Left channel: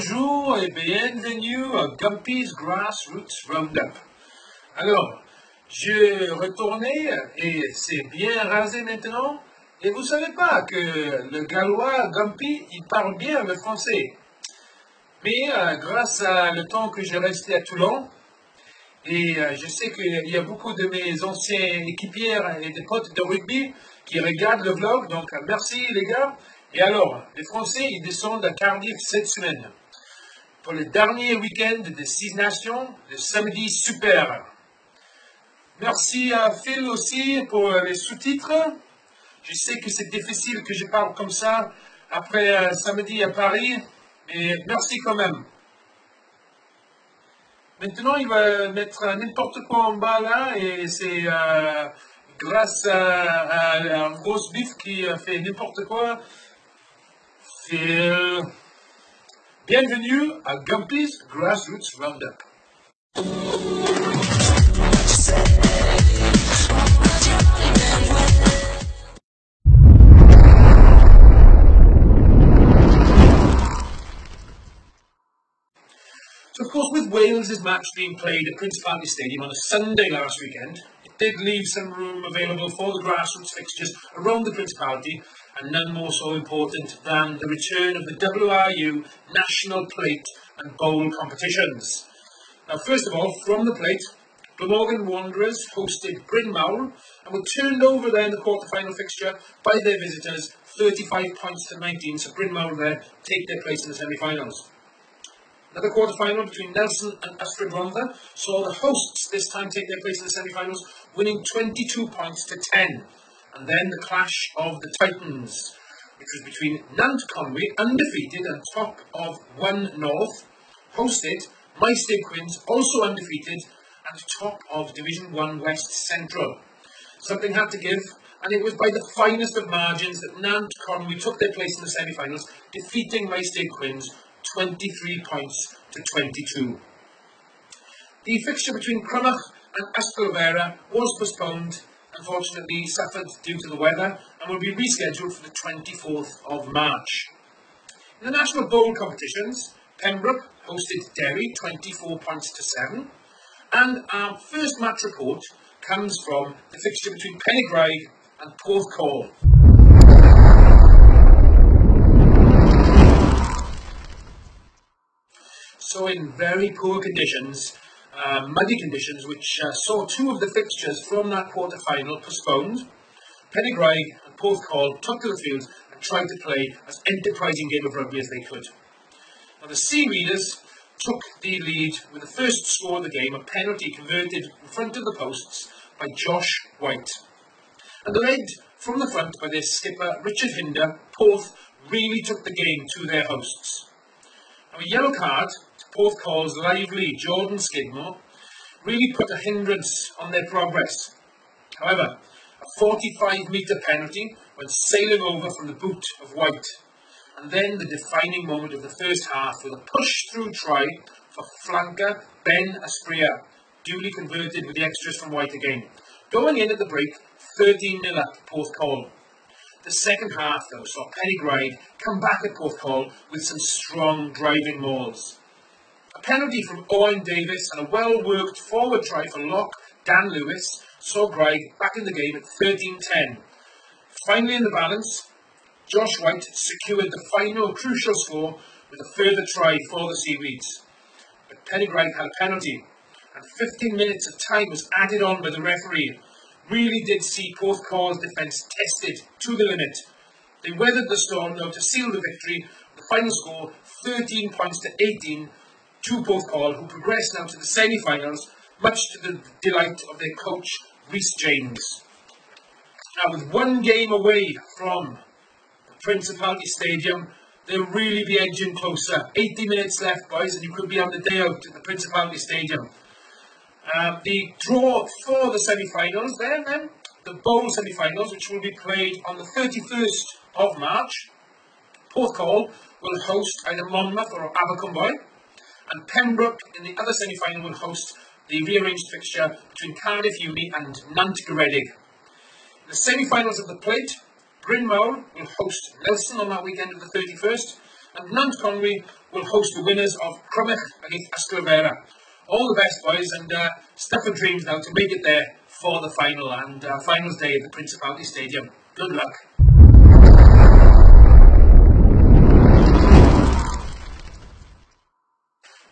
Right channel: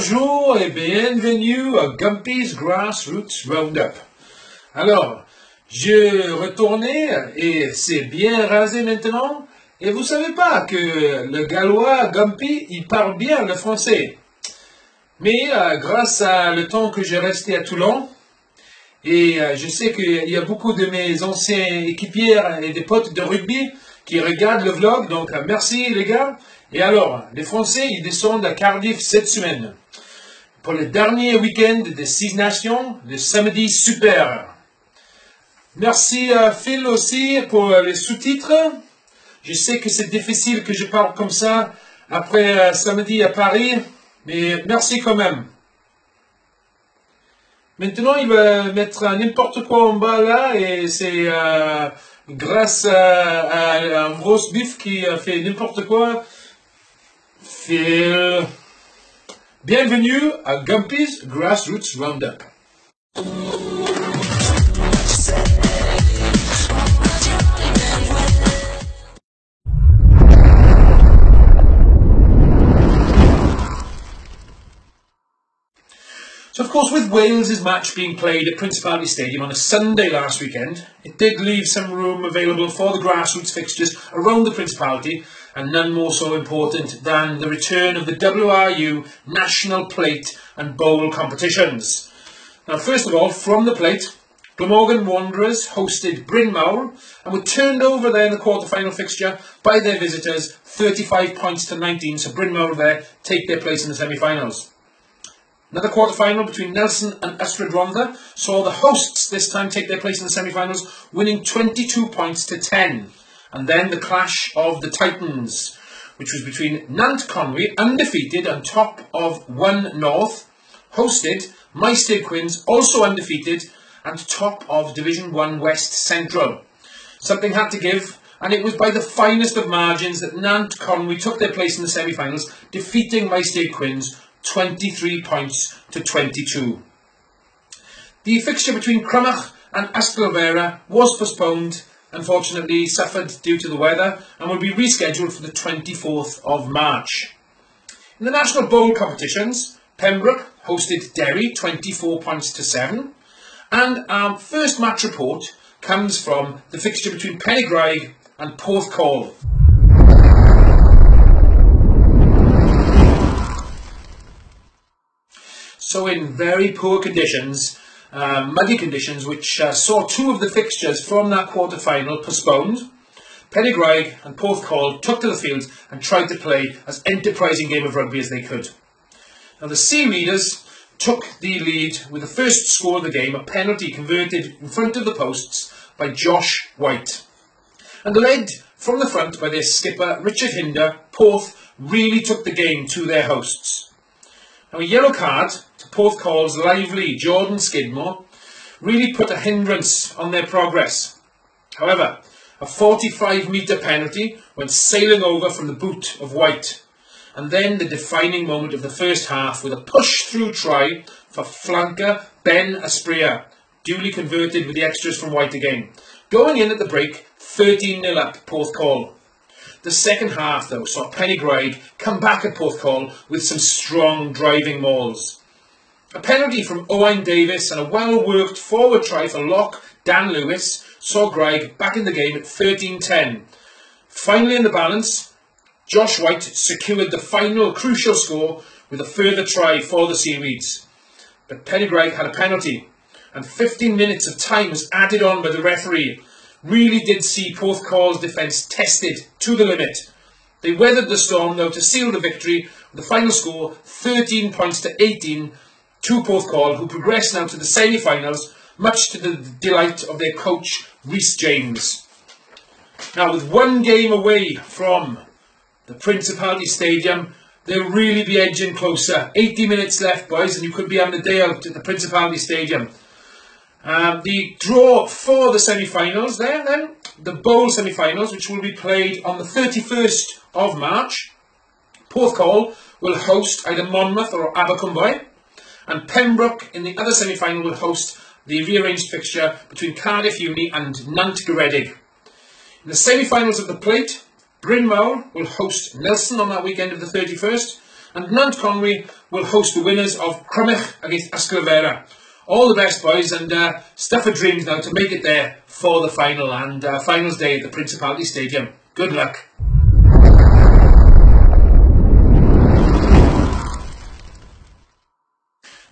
Bonjour et bienvenue à Gumpy's Grassroots Roundup. Alors, je retournais et c'est bien rasé maintenant. Et vous savez pas que le gallois Gumpy, il parle bien le français. Mais grâce à le temps que j'ai resté à Toulon, et je sais qu'il y a beaucoup de mes anciens équipiers et des potes de rugby qui regardent le vlog, donc merci les gars. Et alors, les Français, ils descendent à Cardiff cette semaine pour le dernier week-end des 6 Nations, le samedi super. Merci à Phil aussi pour les sous-titres. Je sais que c'est difficile que je parle comme ça après samedi à Paris, mais merci quand même. Maintenant, il va mettre n'importe quoi en bas là, et c'est grâce à un gros bif qui a fait n'importe quoi. Phil. Bienvenue à Gumpy's Grassroots Roundup. So, of course, with Wales' match being played at Principality Stadium on a Sunday last weekend, it did leave some room available for the grassroots fixtures around the Principality, and none more so important than the return of the WRU National Plate and Bowl competitions. Now, first of all, from the Plate, Glamorgan Wanderers hosted Bryn Mawr and were turned over there in the quarter-final fixture by their visitors, 35 points to 19, so Bryn Mawr there take their place in the semi-finals. Another quarter-final between Nelson and Ystrad Rhondda saw the hosts this time take their place in the semi-finals, winning 22 points to 10. And then the clash of the Titans, which was between Nant Conwy, undefeated and top of 1 North, hosted Maesteg Quins, also undefeated and top of Division 1 West Central. Something had to give, and it was by the finest of margins that Nant Conwy took their place in the semi-finals, defeating Maesteg Quins 23 points to 22. The fixture between Crymych and Ystalfera was postponed, unfortunately suffered due to the weather, and will be rescheduled for the 24th of March. In the National Bowl competitions, Pembroke hosted Derry 24 points to 7, and our first match report comes from the fixture between Pennygraig and Porthcawl. So in very poor conditions, muddy conditions, which saw 2 of the fixtures from that quarter-final postponed, Pennygraig and Porthcawl took to the field and tried to play as enterprising game of rugby as they could. Now the Seaweeders took the lead with the first score of the game, a penalty converted in front of the posts by Josh White. And led from the front by their skipper Richard Hinder, Porth really took the game to their hosts. Now a yellow card to Porthcawl's lively Jordan Skidmore really put a hindrance on their progress. However, a 45-metre penalty went sailing over from the boot of White, and then the defining moment of the first half with a push-through try for flanker Ben Asprilla, duly converted with the extras from White again, going in at the break 13-0 up Porthcawl. The second half, though, saw Pennygraig come back at Porthcawl with some strong driving mauls. A penalty from Owain Davis and a well-worked forward try for lock Dan Lewis saw Graig back in the game at 13-10. Finally in the balance, Josh White secured the final crucial score with a further try for the Seaweeds. But Pennygraig had a penalty, and 15 minutes of time was added on by the referee. Really did see Porthcawl's defence tested to the limit. They weathered the storm, though, to seal the victory with the final score 13 points to 18 to Porthcawl, who progress now to the semi-finals, much to the delight of their coach Rhys James. Now, with 1 game away from the Principality Stadium, they'll really be edging closer. 80 minutes left, boys, and you could be having a day out at the Principality Stadium. The draw for the semi-finals then, the Bowl semi-finals, which will be played on the 31st of March. Porthcawl will host either Monmouth or Abercwmboi, and Pembroke in the other semi-final will host the rearranged fixture between Cardiff Uni and Nant Garedig. In the semi-finals of the Plate, Bryn Mawr will host Nelson on that weekend of the 31st, And Nant Conwy will host the winners of Crymych against Ysglyfera. All the best, boys, and stuff of dreams now to make it there for the final and finals day at the Principality Stadium. Good luck.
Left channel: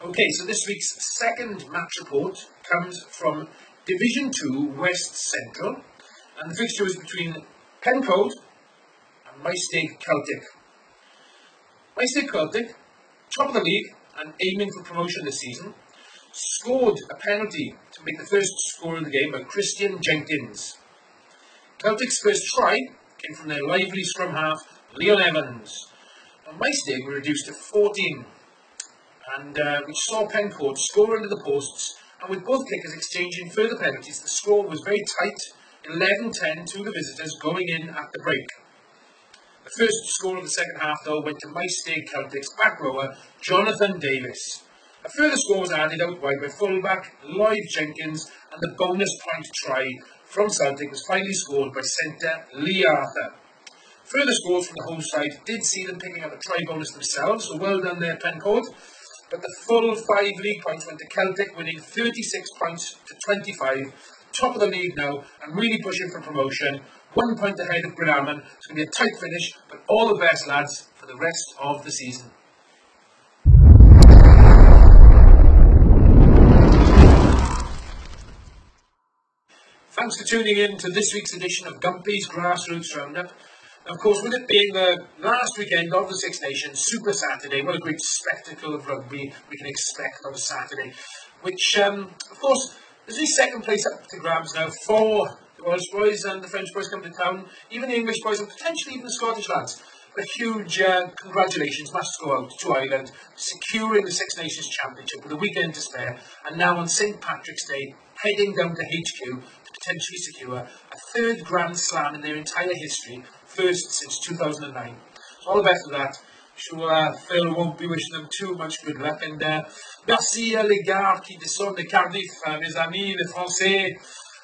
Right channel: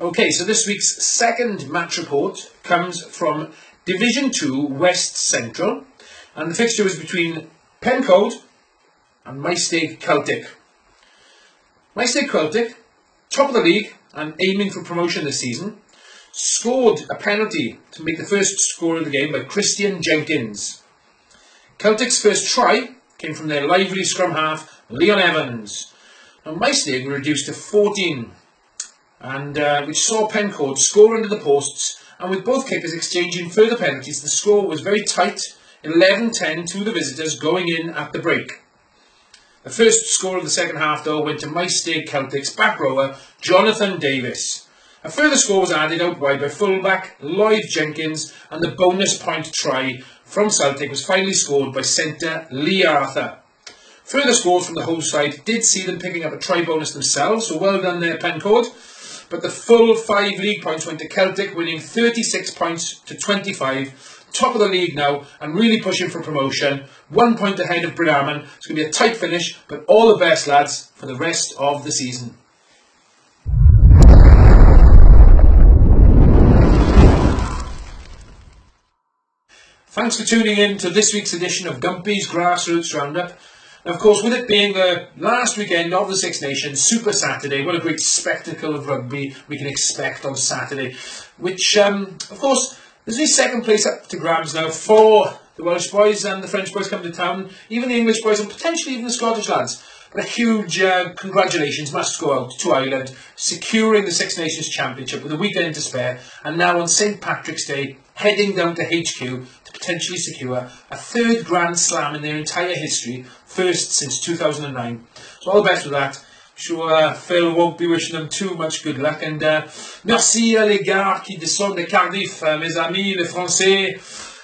Okay, so this week's second match report comes from Division 2 West Central, and the fixture was between Pencoed and Maesteg Celtic. Maesteg Celtic, top of the league and aiming for promotion this season, scored a penalty to make the first score of the game by Christian Jenkins. Celtic's first try came from their lively scrum half, Leon Evans. Now Maesteg were reduced to 14, and which saw Pencoed score under the posts, and with both kickers exchanging further penalties, the score was very tight, 11-10 to the visitors going in at the break. The first score of the second half, though, went to Maesteg Celtic's back rower, Jonathan Davis. A further score was added out wide by fullback Lloyd Jenkins, and the bonus point try from Celtic was finally scored by centre Lee Arthur. Further scores from the home side did see them picking up a try bonus themselves, so well done there, Pencoed. But the full 5 league points went to Celtic, winning 36 points to 25. Top of the league now and really pushing for promotion. 1 point ahead of Brydaman. It's going to be a tight finish, but all the best, lads, for the rest of the season. Thanks for tuning in to this week's edition of Gumpy's Grassroots Roundup. And of course, with it being the last weekend of the Six Nations, Super Saturday, what a great spectacle of rugby we can expect on Saturday. Which, of course, there's only second place up to grabs now for the Welsh boys and the French boys coming to town, even the English boys and potentially even the Scottish lads. But a huge congratulations must go out to Ireland, securing the Six Nations Championship with a weekend to spare, and now on St Patrick's Day, heading down to HQ to potentially secure a third Grand Slam in their entire history, first since 2009. So all the best with that. I'm sure Phil won't be wishing them too much good luck. And merci à les gars qui descendent de Cardiff, mes amis, les Français.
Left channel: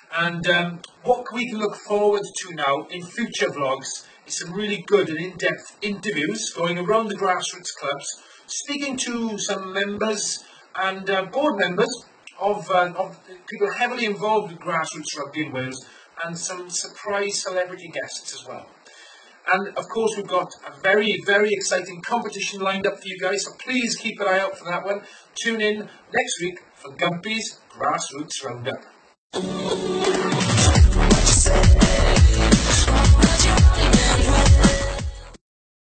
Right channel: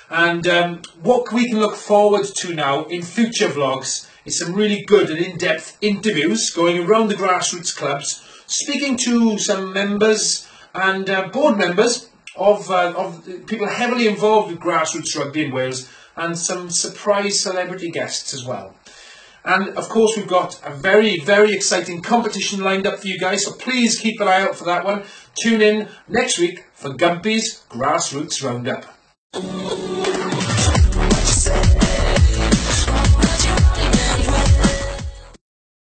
And what we can look forward to now in future vlogs is some really good and in-depth interviews going around the grassroots clubs, speaking to some members and board members of people heavily involved with grassroots rugby in Wales, and some surprise celebrity guests as well. And of course we've got a very, very exciting competition lined up for you guys, so please keep an eye out for that one. Tune in next week for Gumpy's Grassroots Roundup.